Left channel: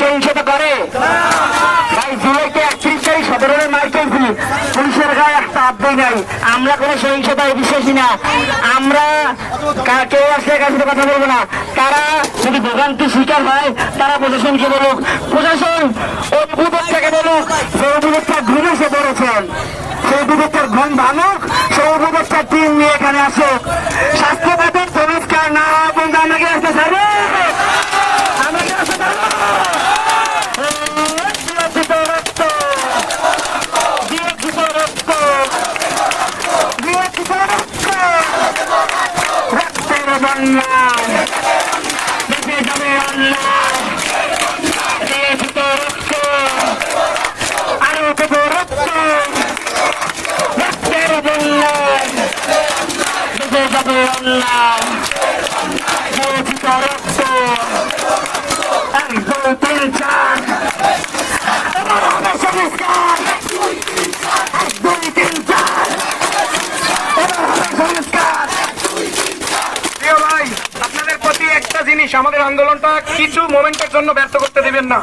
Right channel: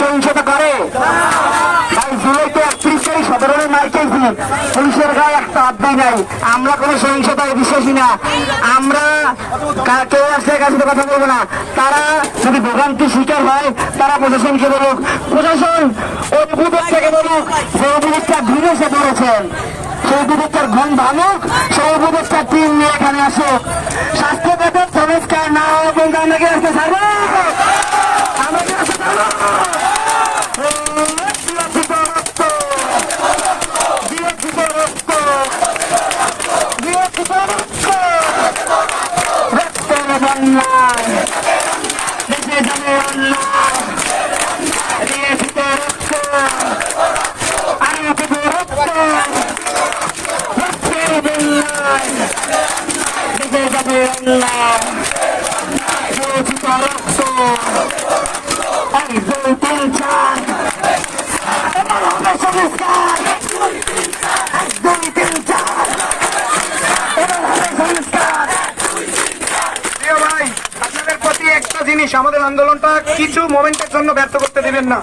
সহিংসতা করে সাধারণ মার্কেট পুলিশের গায়ে একটা আব্দই নাই। আমরা কোনো সহিংসতায় বিশ্বাসী না। আমরা কেউ আসলে কাছে কথা বলবো না। তারা যদি ভোগান্তির শিকার হয় তারা প্রশাসনকে বলুক, প্রশাসন অভিযোগটাকে বলুক যে অভিযোগটা ঘুরে এসে পড়েছেন, সেই অভিযোগটার ঘুম ভাঙুক, সেই অভিযোগটার টিম নিয়ে এখানে আসুক। স্বাস্থ্য বেতন সংস্কার না বন্ধু আমাকে আসতে ছাড়বে। আমাদের আন্দোলনটা কিছু মোমেন্টের জন্য ব্যর্থ করতে দেবেন না।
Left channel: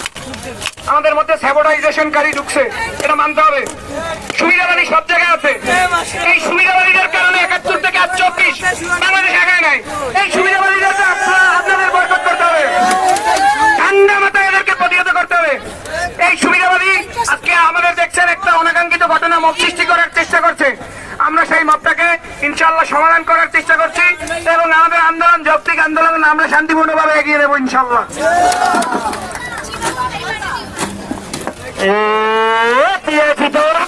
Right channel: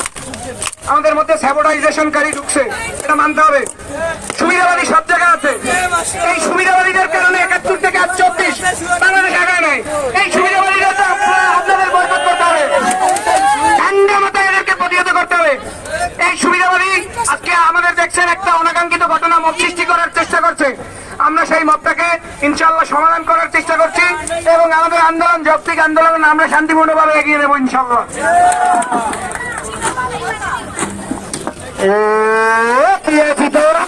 আমাদের মধ্যে স্যাবোটাইজেশনকারী ঢুকছে, এটা মানতে হবে। সুবিধাবাদী সব জায়গায় আছে। এই সুবিধাবাদীদের কারণে 71 থেকে 34 বাংলাদেশ আগায় নাই। এই সুবিধাবাদীদেরকে আপনাদের বয়কট করতে হবে, ঠান্ডা মাথায় এদেরকে প্রতিহত করতে হবে। এই সুবিধাবাদী আজকে আমাদের দেখছেন একটা অনাকাঙ্ক্ষিত ঘটনা মব সৃষ্টি করার চেষ্টা করছে। আমরা সেই মতটাকে ইনশাল্লাহ সমাধান করার চেষ্টা করছি এবং আমাদের আন্দোলন যৌক্তিক আন্দোলন আমরা শান্তিপূর্ণভাবে এগিয়ে নেব ইনশাল্লাহ। ভিতরে